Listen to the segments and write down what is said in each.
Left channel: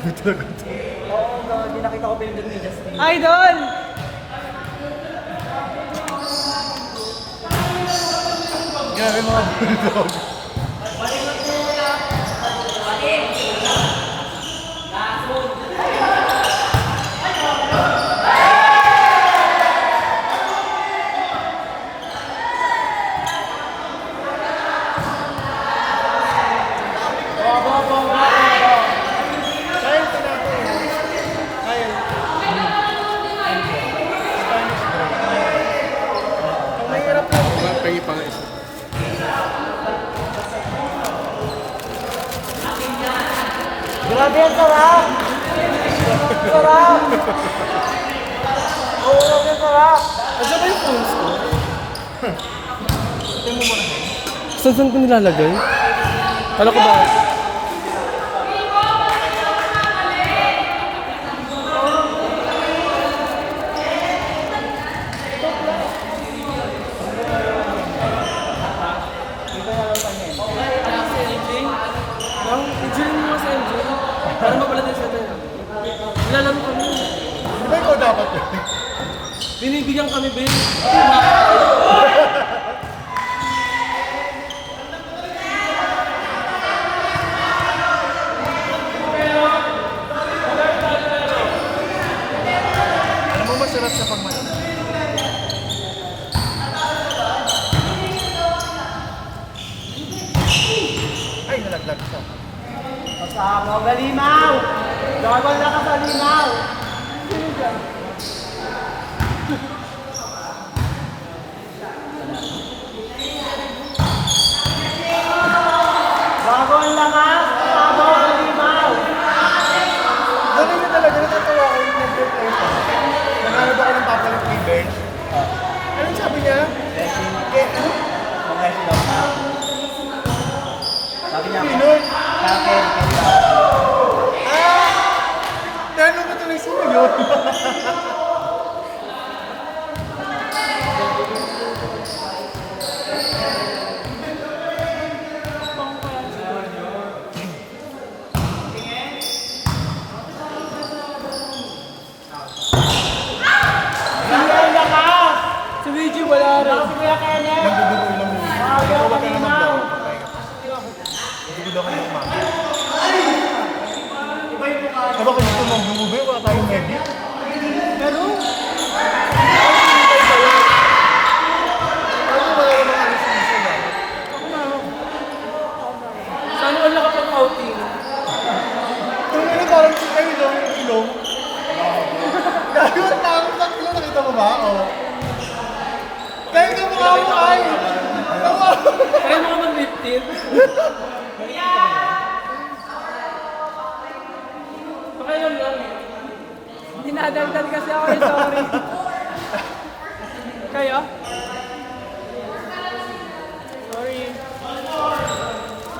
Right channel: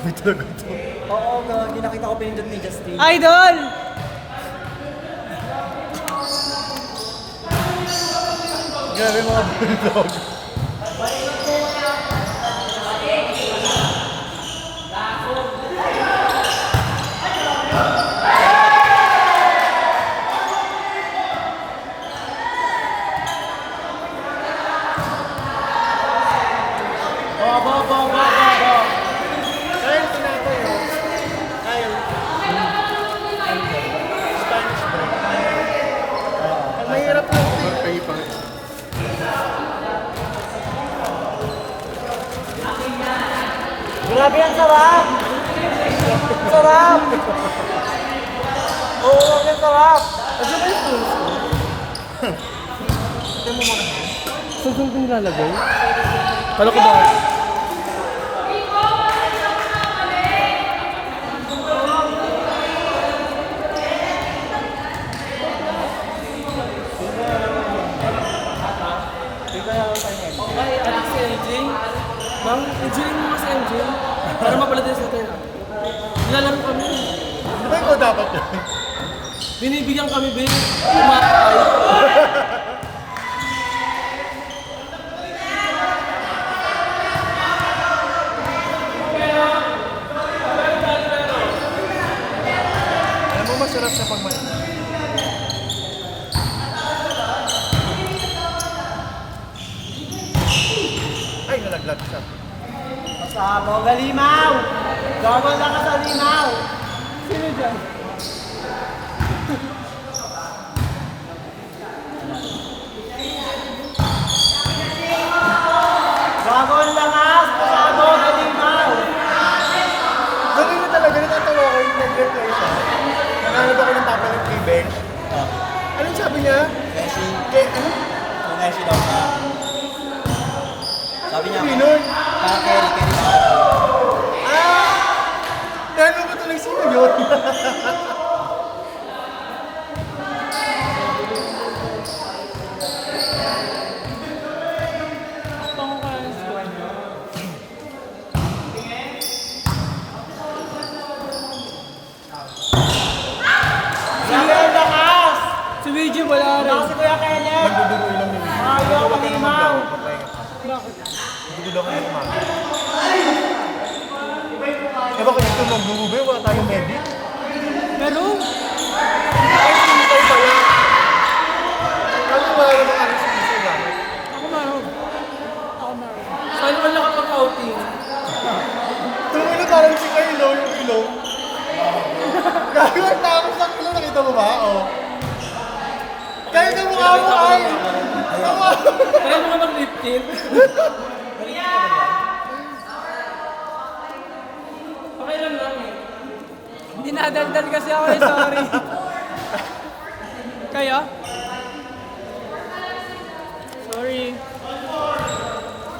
Grabe talaga ito. Oo, grabe. Nakita ko pinindot ni Justin. Idol! Grabe mga bulldog. Grabe ang sarap! Sarap! Oo, ang sarap! Kasi ba yung pulse ko? Ito mo muna. Saan ko nilalagay? Kala ko ba? Para mapala din sa atin. Nilalaro kami. Di ba ikaw dapat yun? Binibigyan kami, Ben. Kumakay. Alam mo masarap sa pagmana. Ay, nalaglag siya. Sabog na limaw! Gawal na ka sa limaw! Gawal na ka! Sabog na limaw! Ganun mo talaga, natatawa ko yung nag-work ko siya. Nanganod ako ng papalit yung bench. Anong sabi niya? Kaya ano? Sabi niya, Pinon? carry. Gano'n ko tuloy sa yun. Si Luigi wala rin. Nagduduloy lang yun. Huwag ka naman daw. Magpahinga ka. Nagduduloy ka na umaga. Ano kayo ito ng bulubi? Wala tayong megi? Pero, Hindi tayo pala. Ano wala naman ano sa gusto dapat? saan ka nakapag-outing? Tumino na parang si Kailo, yung ilong. Gagawin parang sa ilong, nakita mo ba? Oo. Kahit yung mukha mo ay! Kaya mo naman lifted. Pakailan lang eh. Dinadagdag kasi ako eh, sorry. Kaya? Sorry.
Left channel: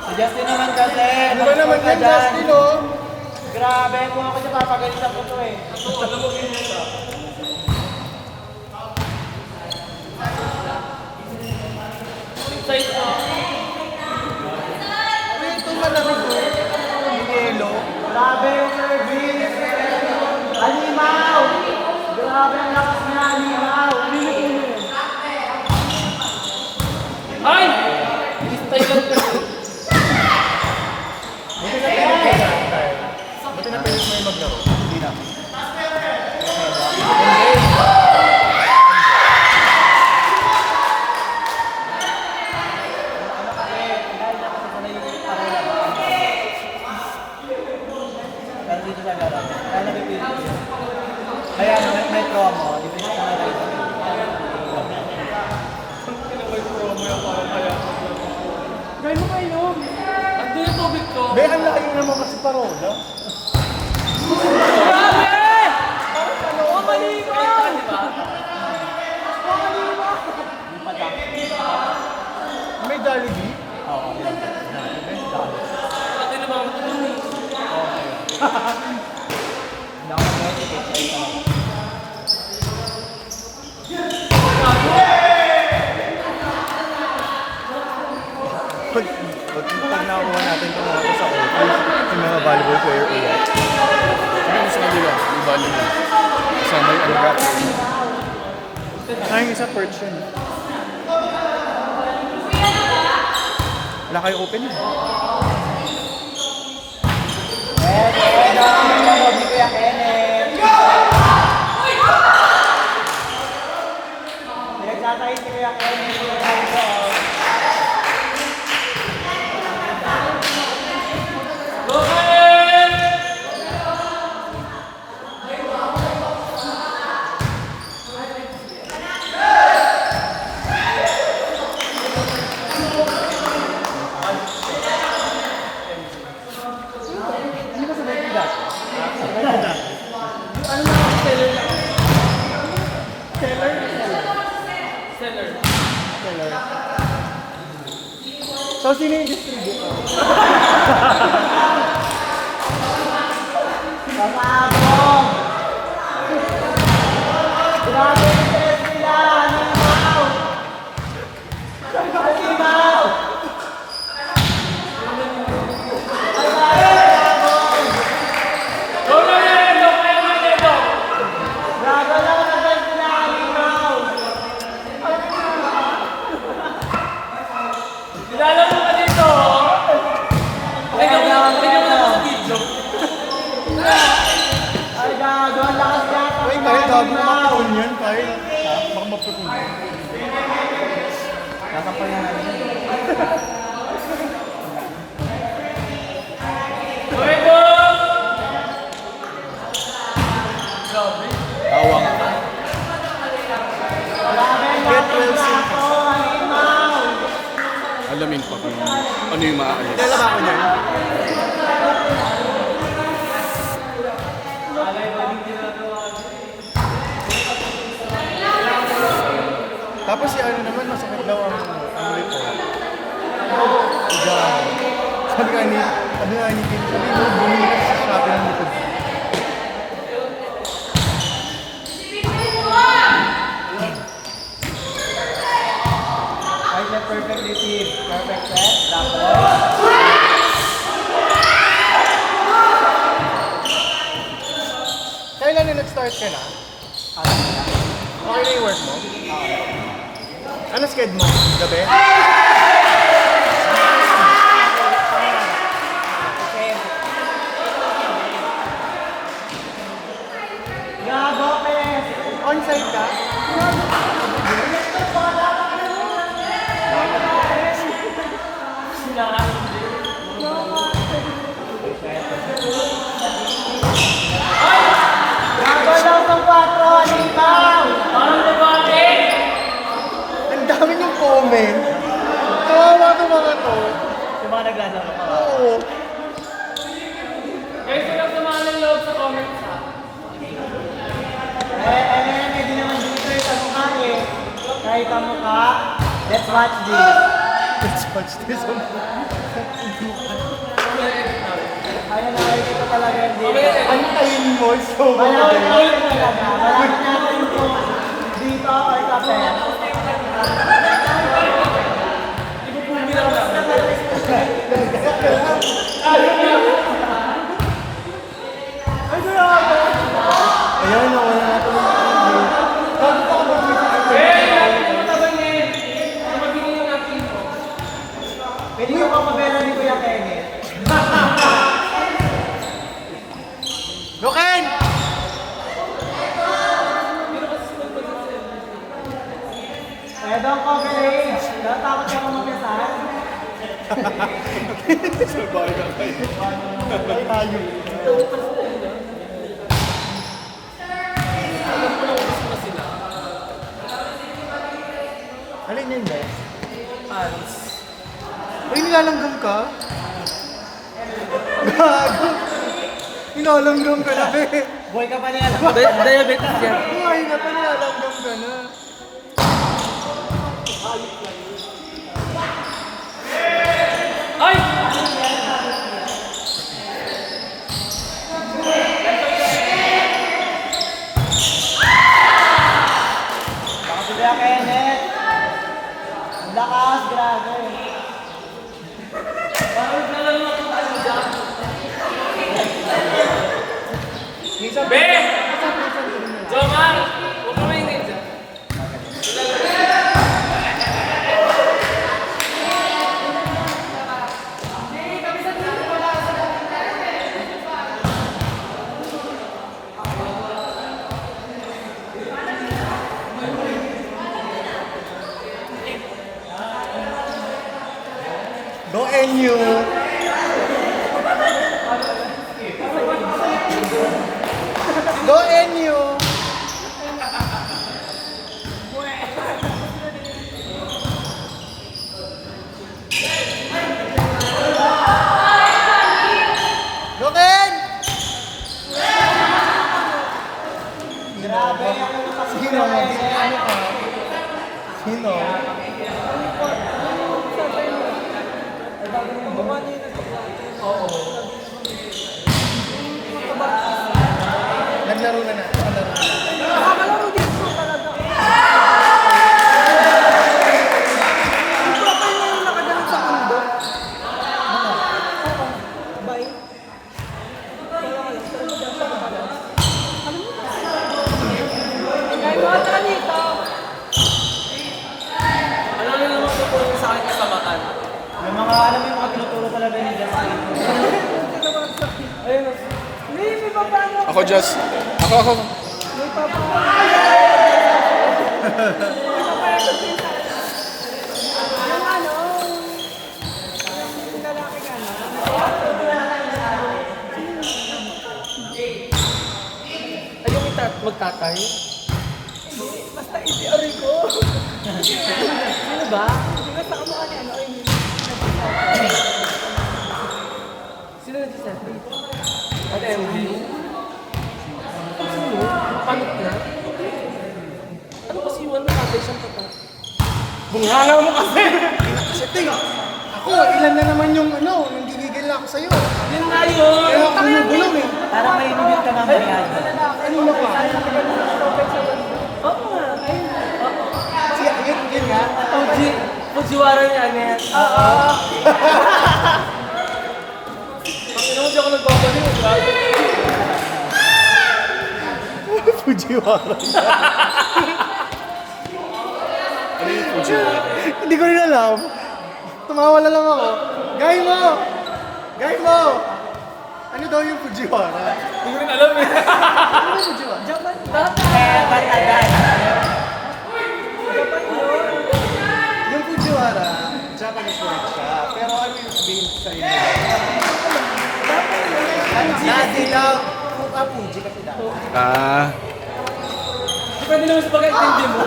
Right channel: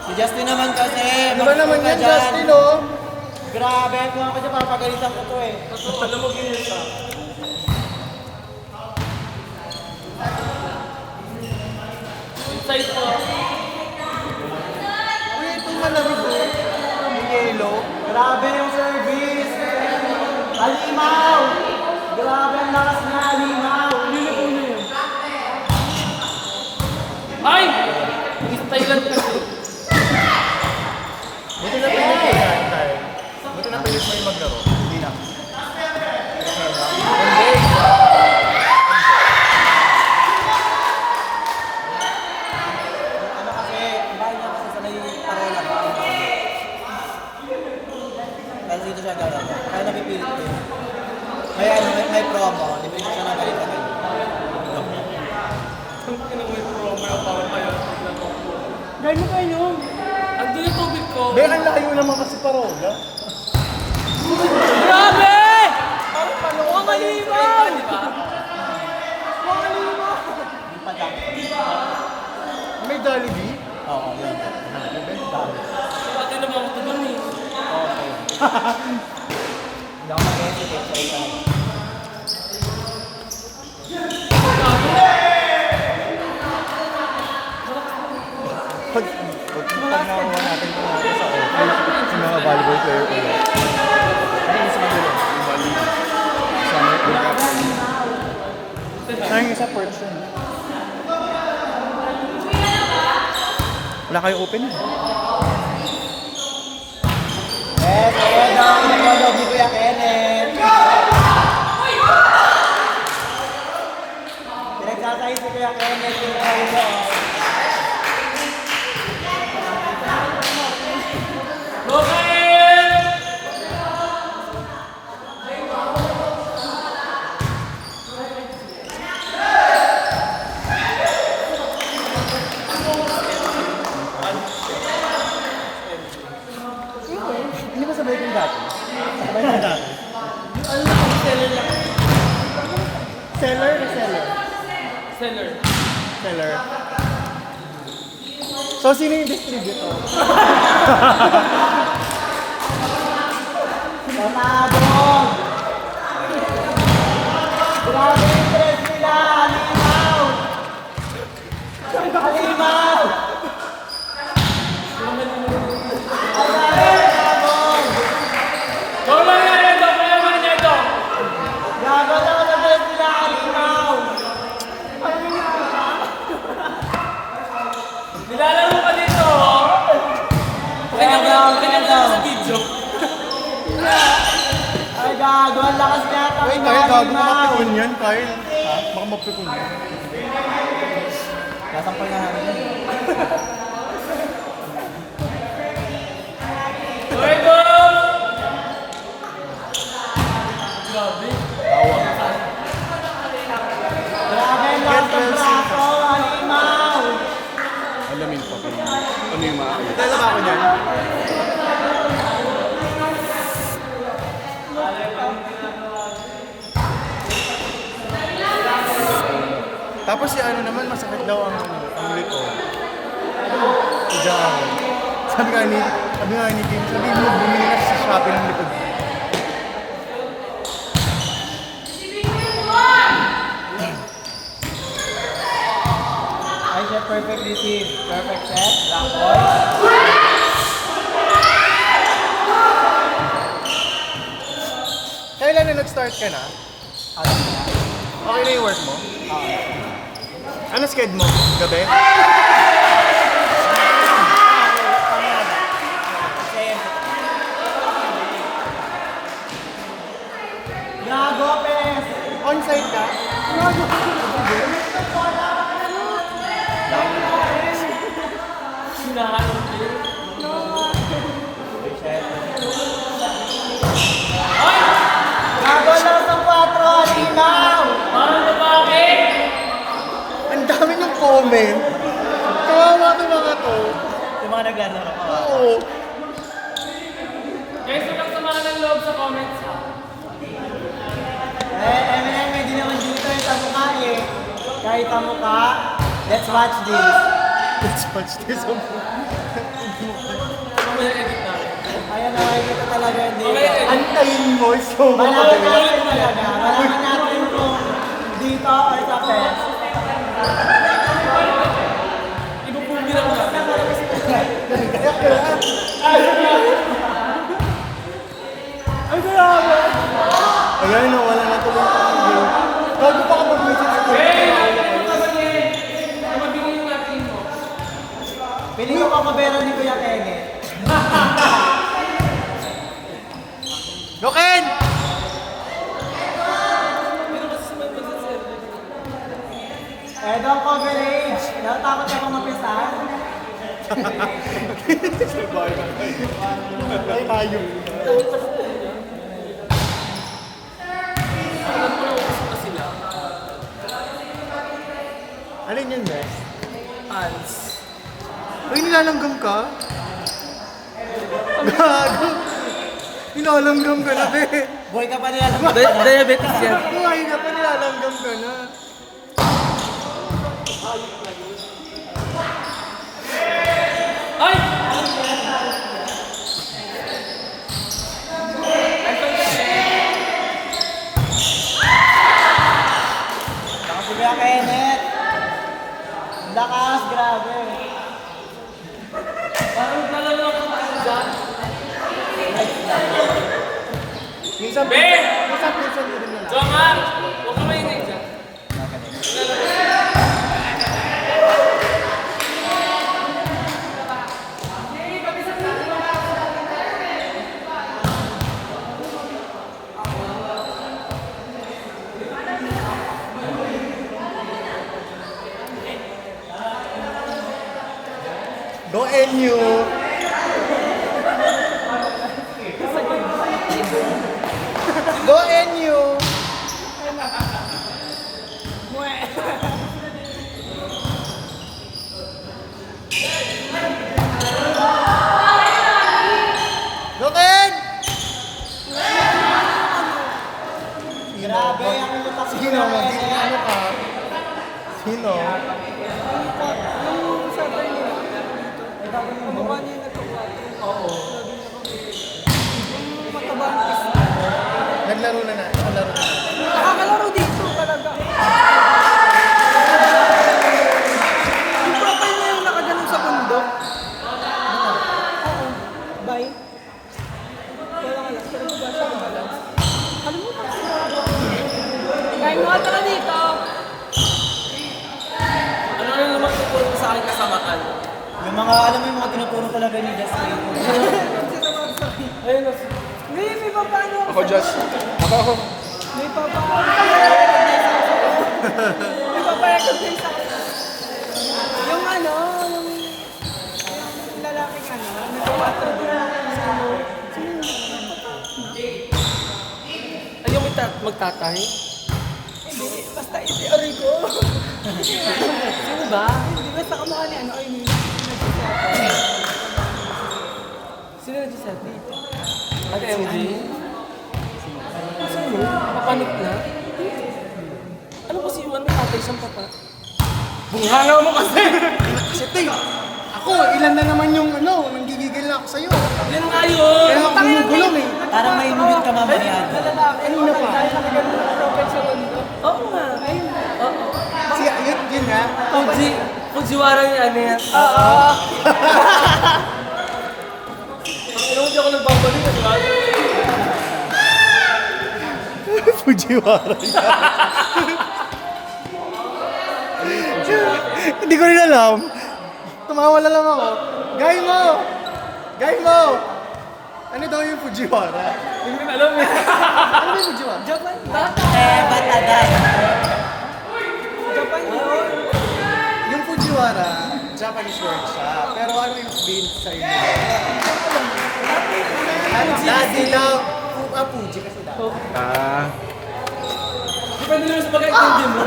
Si Justin naman kasi. Ano ba naman yan, Justin, oh? Grabe, kung ako siya papagalitan ko to eh. Lumugin mo siya. Size ko. Uy, itong malamig, oh. Yung yelo. Grabe yung service! Alimaw! Grabe ang lakas na alimaw! Ay! Style kasi. Buti na pilit mo yung maglaro. Hindi na. Ano kasi, kailangan niya kasi sanay yung parola. Kasi dito siya laro. Kaya napipilit ko yun. Kaya may promo, di ba siya nagalitan yun? Gano'n kayo? Andun yung tubig ko. Be, ang layo naman kasi parola. Grabe! Ang maliwan! Kaya di ba? May Jollibee? Oo, yun. Pati naman ako ito bang eh. Hindi ako pwede eh. Try tayo. Pag nakuha natin ito mga sa office, yung mga volleyball player ulit. sa perch yun. Wala kayo open eh. Yes, okay na. Pinag-love ni Kuya Kenneth. Pinagsasay si Kuya Kenneth. Hindi ba sabihin ko dati? Alam mo, seller lang. Seller? Seller. Seller. So, sino yung distributor? Nilalaro pa dito, oh. Kaya mo lang sa video. Ay, gago. Ang lakas niya. Uy, tayo bago mapukul yan, tayo. Baka mapukul yan. Luego! Alamin ko kung ano yung mga alis. Dala ba ako niyan? Tapos si ano naman, masakit daw ang lito. Diyan. Sabi nga ni Kim, sabi mo, bumili ka sa Shopee ng lito. Ay, siya perfect receive. Perfect set. Kailan na nag-start ka na? Okay na yung work mo? Ano schedule mo? Gabi? Gago, Pes. On-site ka? Gago lang sa 4. Halimaw. Ang dami ng comment. Kawawa to mga to. Yung mga naglalaro. Oo. Guys, wala samahan ng loob sa comments, ha? May di naman dito sa mukha eh. Kahit ang mukha, let's watch this. Let's watch this. Ayun, nakikita talaga yung dito. Antayin mo, so Malaman natin talaga. Malaman natin kung dito or sa Pes. Ayan, nawala na tuloy ang video. Bago pa ako mag-visit sa Pili ko pa mabela ni Kuya Kenneth. Loken! Edo coverage. Natakot ka kung mapisahan. Sabay na kayo. Ay, tayo. Alin yan, guys? Alis. Uy, nilalanggam ka? Gago! Nilalanggam ka na, be! Boy ka pa niya. Diabetes yan. Buhay na pa, nilalanggam ka na. Ay! Kuya Kenneth. Ang lakas, grabe. Parang nalalak ako dyan. Minsan, Be! minsan ko rin wala. Joman! Huwag ka mainit dyan. NU. Go NU. Go Ken! Sino magiging ano ka? Sino? Naglaro na na. Naglaro na. Nakakalaro dito talaga. Ito pa yung nakaganon sa bundok. Bye. Kaya mga tara dito. Ano rin naman tutulong sa akin kasamaan? Yung mga, alam mo yung mga tinutulong ko na rin ni Desiree. Ayun. May paplano ako. Ako just, ako. May paplano. Yung ano, yung lalaki ka Ayaw magtatay? basta iti-ari ko. Sino ba? Hindi ba sa kamukha ni ano kayo ni sino nagsasabi? At MG? Sino? Panot na? Ano kasi yung ano tatay siyang pata? Bunghanga mo kasi! Sige, ako, ilan na naman yung ano, nanggigigil na ako sa'yo. Yun nga yun! Kaya ako gulong eh. Parang may inubit ka mamaya. Ano na pa? Oo nga, ayun. Si yun nga. Fujiwara niya, ano yan? Oo. Pero hindi ako nagbabalik. Fujiwara. Hindi ko rin alam. Tumawala lang ako. Gay mo! Gay mo! Ano daw yung Fujiwara? Hindi ko rin alam eh. Ano yung Fujiwara? Japan, bata. Mataday. Japan yun. Yung Fujiwara, Japanese word siya. Pero ano yung sabihin sa inyo? Kasi daw, Fuji kasi daw. Ah. Pwede naman sa pag-intindi mo.